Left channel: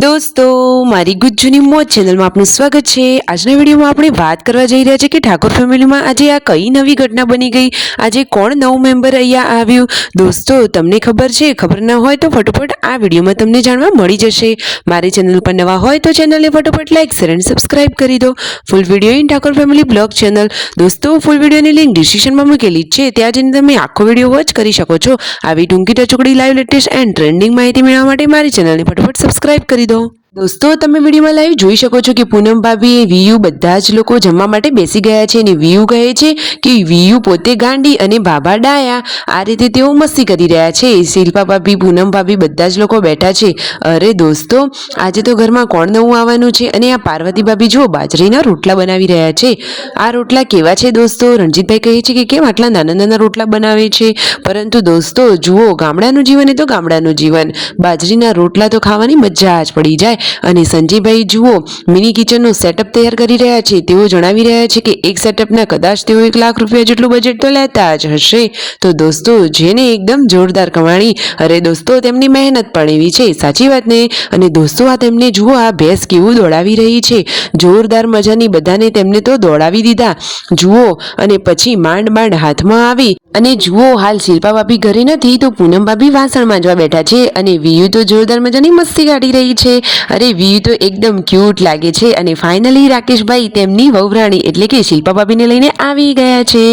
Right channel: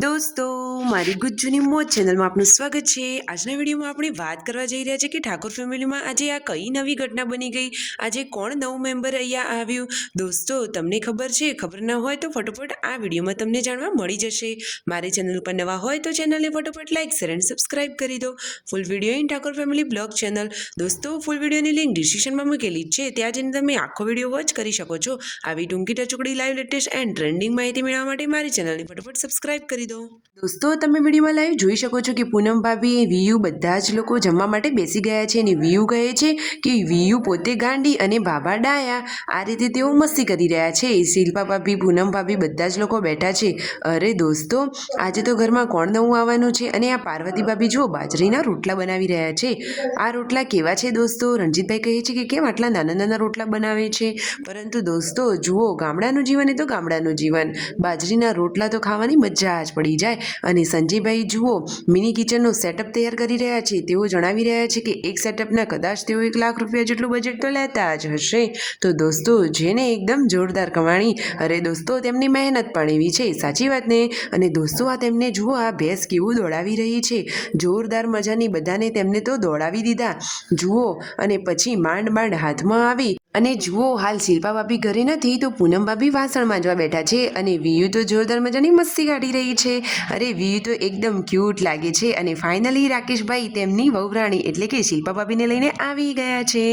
દોસ્તો, મારી ગુજ્જુની મોજ ચેનલમાં આપનું સ્વાગત છે। આજના વિડીયોમાં આપણે વાત કરવા જઈ રહ્યા છીએ કે ઠાકોર ફેમિલીમાં આજે આ કઈ નવી ઘટના બની ગઈ, આજે કોણ નવું મેમ્બર અહીંયા આવ્યું। દોસ્તો, તમને ખબર છે? ખબર ન હોય તો ફટોફટ આ વિડીયોમાં તમને જાણવા મળી જશે। મારી ચેનલ પર નવા હોય તો ચેનલને ફટોફટ લાઈક શેર અને સબસ્ક્રાઇબ કરી દો। Full video in Thakor family blog channel. દોસ્તો, ફૂલ વિડીયોની લિંક ડિસ્ક્રિપ્શનમાં મૂકેલી છે, ત્યાં જઈને તમે આખો વિડીયો વોચ કરી શકો છો। આવી ટૂંકી ટચુકડી લાઈવ લેટેસ્ટ એન્ડ ટ્રેન્ડિંગ માહિતી મેળવવા માટે મારી ચેનલને ફટોફટ સબસ્ક્રાઇબ કરી દો। દોસ્તો, તમે વિડીયોમાં લાઈવ જોઈ શકો છો કે પૂનમ ભાભી વીયુ બધા જ લોકો જમવા માટે બેસી ગયા છે અને વીયુ કહે છે કે વીયુ પોતે ગાંડી અને બાબા ડાયા। આ રીતે તેઓ મસ્તી કરી રહ્યા છે। શિલ્પા ભાભી, પૂનમ ભાભી બધા જ લોકો બેઠા છે। અરે દોસ્તો, આજે તો ઘરમાં કોણ નવું આવવાનું છે? અને આ પાર્વતી ભાભી જુઓ બાજરીના રોટલા બનાવી રહ્યા છે। આ રોટલા કેવા છે દોસ્તો? રણજીતભાઈ કહે છે કે કેમ આટલા નાના નાના રોટલા બનાવે છે? પરંતુ દોસ્તો જુઓ, ગામડાનું જીવન એ તો ગામડાનું જીવન, બાજરીના રોટલા તો ખાવાની મજા જ પડી જાય। અને સંજયભાઈ જુઓ મિની કિચનનો સેટઅપ તૈયાર કરી રહ્યા છે। તેઓ જણાવી રહ્યા છે કે એક સેટઅપના કદાચ તેઓ 1 લાખ રૂપિયા જેટલું બજેટ તો લેતા જ હશે। તો દોસ્તો, જેને એકદમ જોરદાર કમાણી, અરે દોસ્તો તેમની મહેનત પણ એવી છે, સાચી વાત ને? અને દોસ્તો, આ તેમને જુઓ આ ભેંસ કેવું દોડાવી રહી છે, જોરદાર મજાની, બધાને તેમને તો દોડાવી દીધા જુઓ। અને પછી માંડ માંડ હાથમાં આવી અને જુઓ, હાલ શિલ્પા ભાભી ઘરે નથી તો પૂનમ ભાભી વાસણ માંજવા બેઠા છે અને વીયુ તો જોરદાર મજાની મસ્તી કાઢી રહી છે। અરે વીયુ તો એકદમ ક્યુટ લાગે છે। અને ફાઇનલી રાકેશભાઈ તેમની વહુરાણી એટલે કે શિલ્પા ભાભીને લઈને આવી ગયા છે।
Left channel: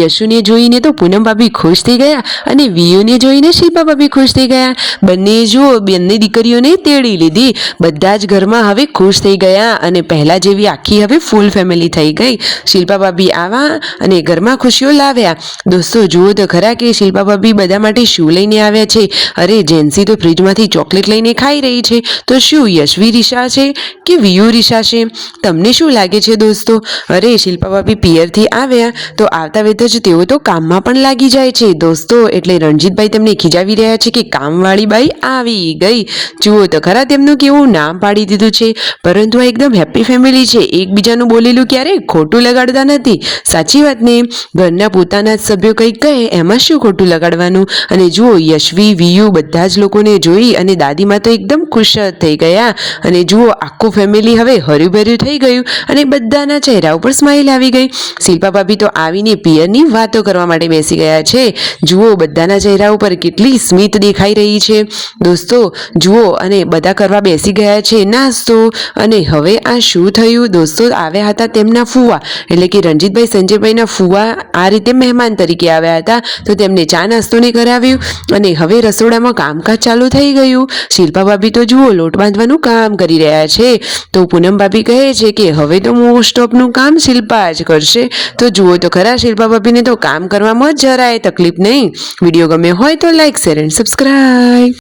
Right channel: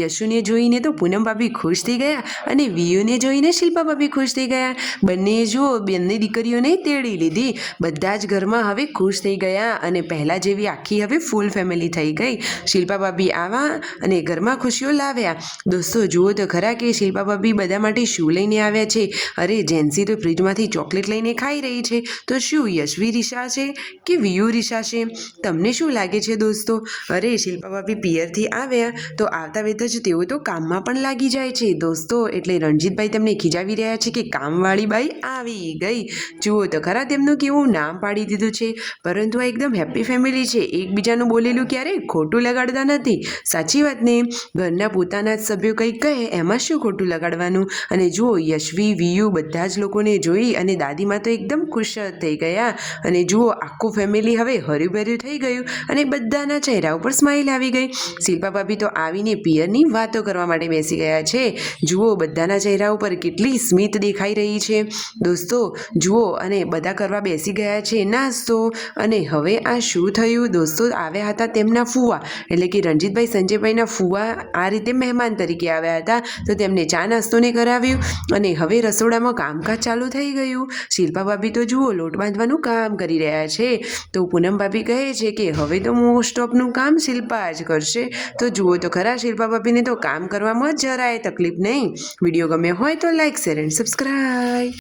યશુને જોઈને તો પૂનમ ભાભી ખુશ થઈ ગયા અને વીયુને જોઈને શિલ્પા ભાભી ખુશ થઈ ગયા। બંને જુઓ, બંને દીકરીઓને તેડી લીધી, બધા જ ઘરમાં હવે ખુશ થઈ ગયા અને પહેલા જેવી આખી હવે ફૂલ ફેમિલી થઈ ગઈ। શિલ્પા ભાભી આવ્યા અને ઘરમાં ખુશીઓ લાવ્યા। દોસ્તો જુઓ તો ખરા કે શિલ્પા ભાભી બધા માટે શું લઈને આવ્યા છે। અરે જેન્સી તો ફ્રીજમાંથી ચોકલેટ લઈને ખાઈ રહી છે, તો શું યશવી રીશા છે કે વીયુ રીશા છે? તમને શું લાગે છે દોસ્તો? અરે શિલ્પા ભાભી પિયરથી આવ્યા તો આવતા વેત જ તેઓ તો કામમાં પણ લાગી જાય છે દોસ્તો। એટલે રણજીતભાઈ તેમને ખીજાવી રહ્યા છે કે કામવાળી બાઈ આવી ગઈ। જુઓ તો ખરા તેમનું કેવું નામ પાડી દીધું છે। પરંતુ આ એકદમ હેપી ફેમિલી છે, એકબીજાનું બોલેલું ક્યારેય ખોટું લગાડતા નથી, સાચી વાત ને? ઘરના પોતાના જ સભ્યો કંઈક કહે એમાં શું ખોટું લગાડવાનું? અને જુઓ, યશવી, વીયુ બધા જ લોકોને જોઈ અને દાદીમાં તો એકદમ ખુશ જ થઈ ગયા। અને જુઓ, આખું ફેમિલી હવે હર્યુભર્યું થઈ ગયું અને બધાના ચહેરા ઉપર સ્માઇલ આવી ગઈ। શિલ્પા ભાભી તો આવીને પિયરની વાતો કરવા માટે બેસી ગયા છે। જુઓ, બધાના ચહેરા ઉપર કેટલી સ્મિત દેખાઈ રહી છે દોસ્તો જુઓ। અને બધા કરવા બેસી ગયા છે નાસ્તો। અને હવે આ શું થયું દોસ્તો? આવ્યા હતા તેમના ફુવા એટલે કે રણજીતભાઈ, સંજયભાઈના ફુવા આ રીતે મહેમાન તરીકે આવ્યા હતા, તો તેમને ચા નાસ્તોને કરાવ્યું અને હવે રસોડામાં કામકાજ ચાલુ થઈ ગયું। શિલ્પા ભાભી તો જુઓ લોટ બાંધવાનું કામ કરી રહ્યા છે, તો પૂનમ ભાભી કહે છે કે હવે તો મોસ્ટ ઓફનું કામ શિલ્પા જ કરશે। તો જુઓ તો ખરા, શિલ્પા ભાભીને તો કામ કરવામાં જરાય તકલીફ નહીં। વિડીયો ગમે હોય તો લાઈક શેર એન્ડ સબસ્ક્રાઇબ।